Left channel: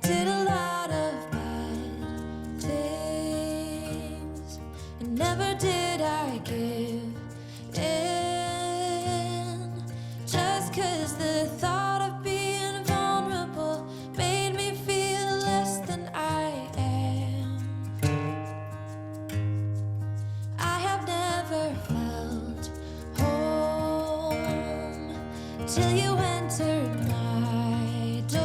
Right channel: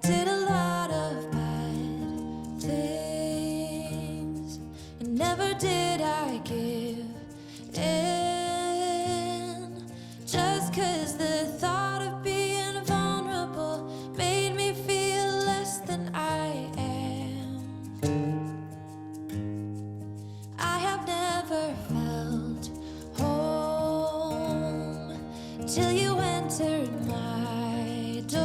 did a lot of bad things, and never did I give in. Just 'cause the thought of being vulnerable made me feel less than I am. I have never felt home till you entered my door.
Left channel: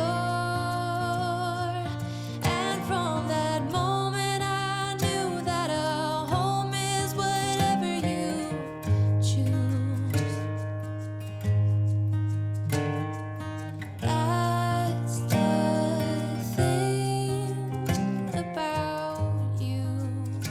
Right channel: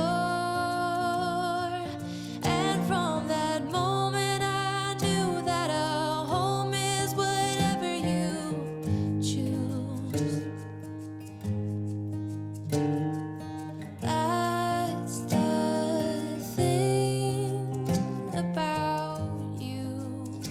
And from that moment I knew that a home is whatever you choose. That's the thing about you.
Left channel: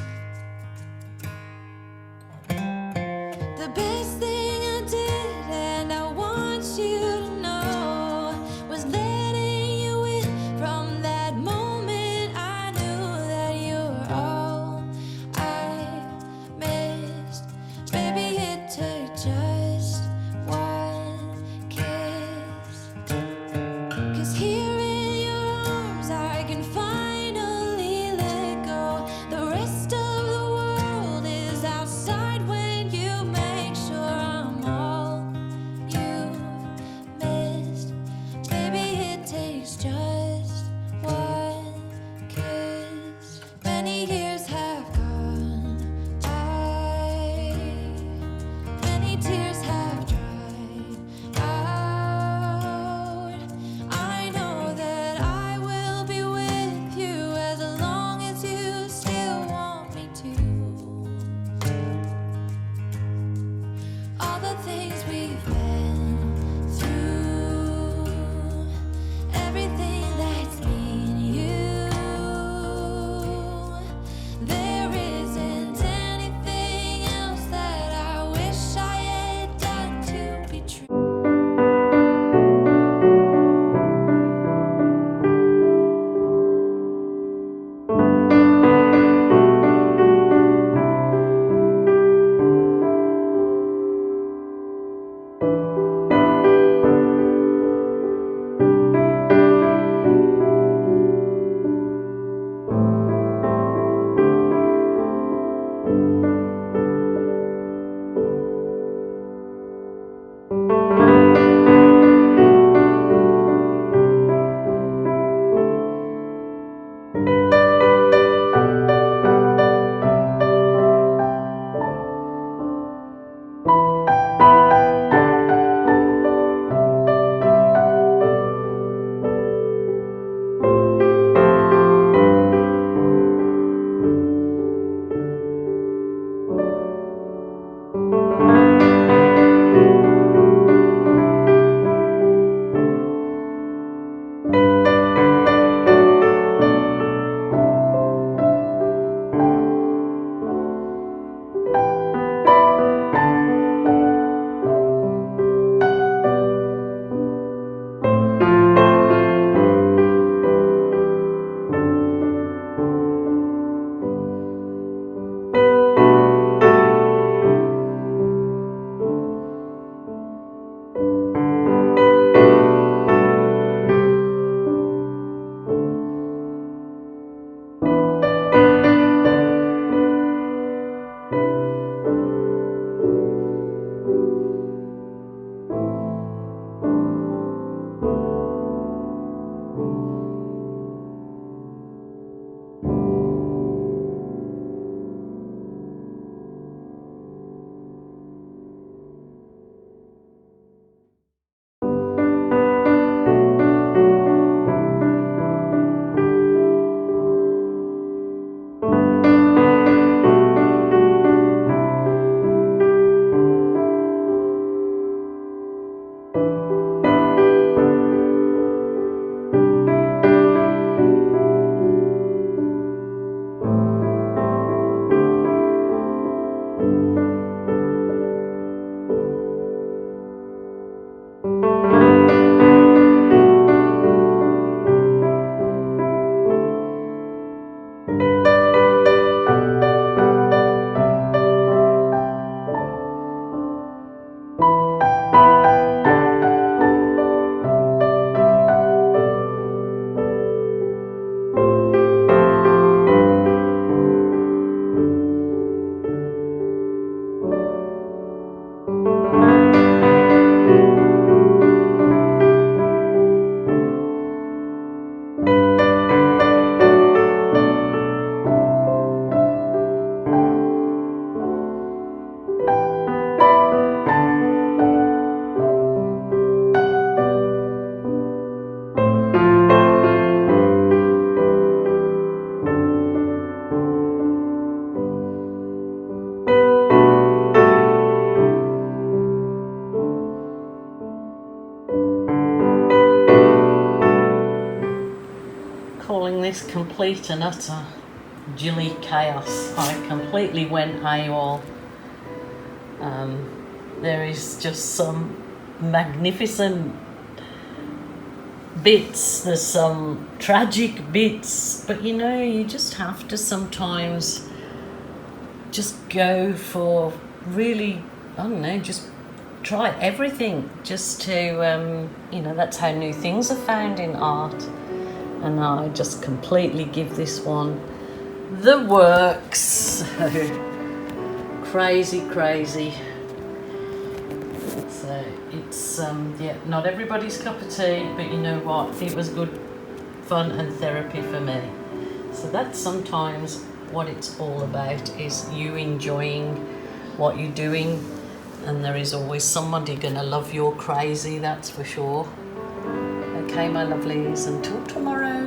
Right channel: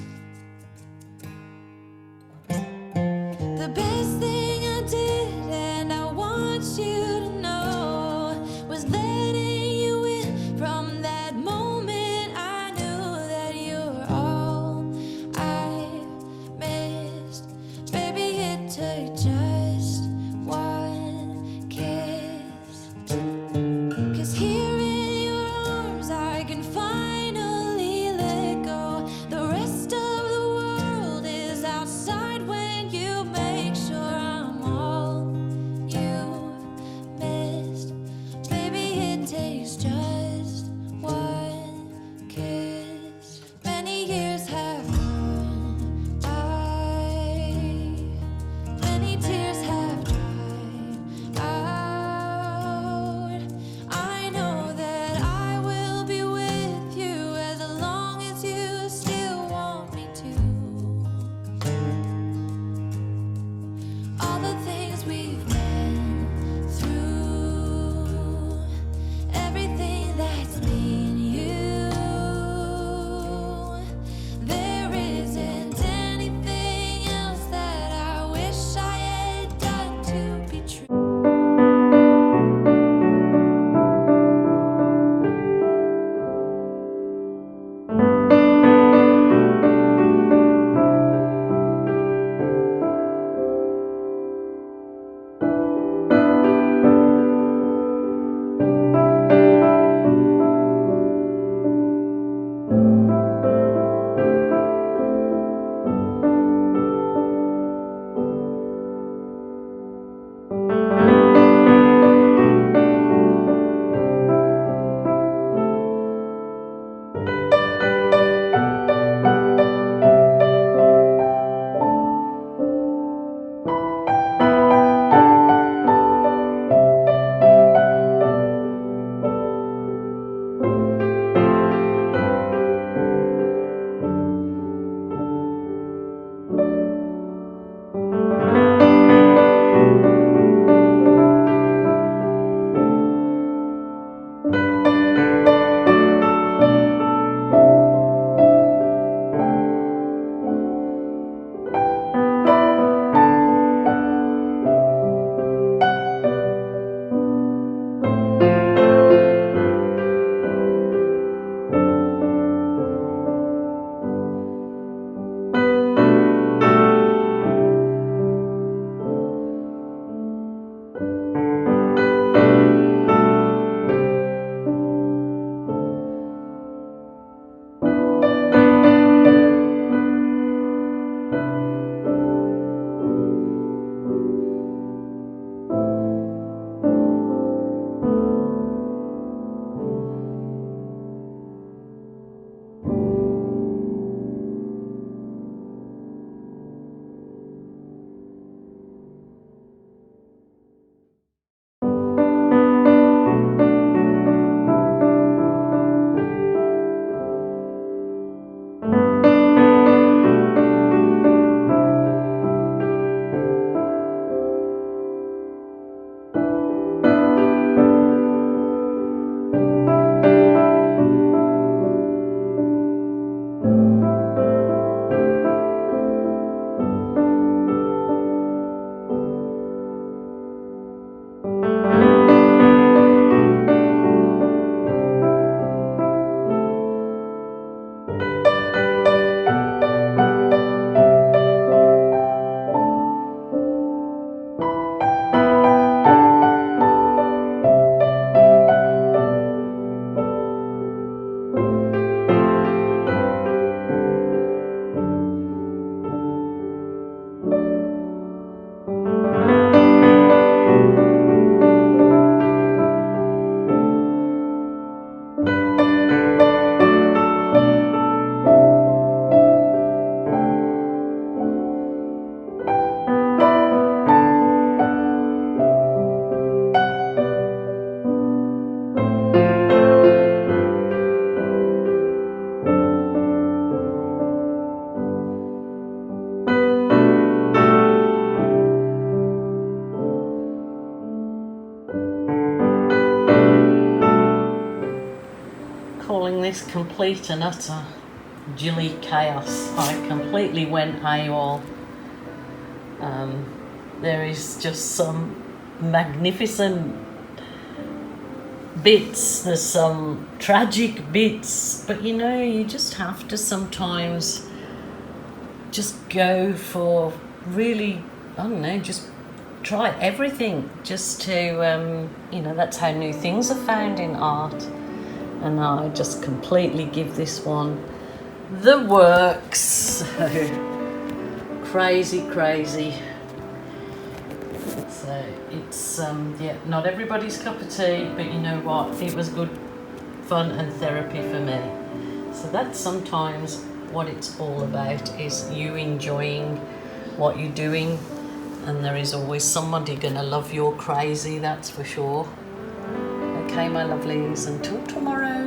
The best thing I did, and I want you to know, was letting you in. From that moment I knew that you were all I missed. Baby, it took just one kiss. 'Cause here in your arms I can finally let go. The rest of the world is outside when you make sure I'm all you've missed. Baby, it takes just one kiss. Many years have gone by, many tears have dried out. I know that I will be with you as long as you still want me to. All the things we've been through, everything that's been you. calling this complete and utter jilly chaos. I completely went AWOL. There is just some magnificent bits, there's some tragic bits, but you know, you just have to sometimes just go for really, I don't know, just try everything just to, you know, that's how new things are found in art. And I just completely give this one the works. Crazy. So it's, yeah, not everybody's cup of tea, but you know what? It was good fun and therapy for me. So that's sometimes what it's all about, is you enjoying what you're doing, and there is always somebody gonna love your crazy, that's for sure. Okay, my lovelies, until tomorrow.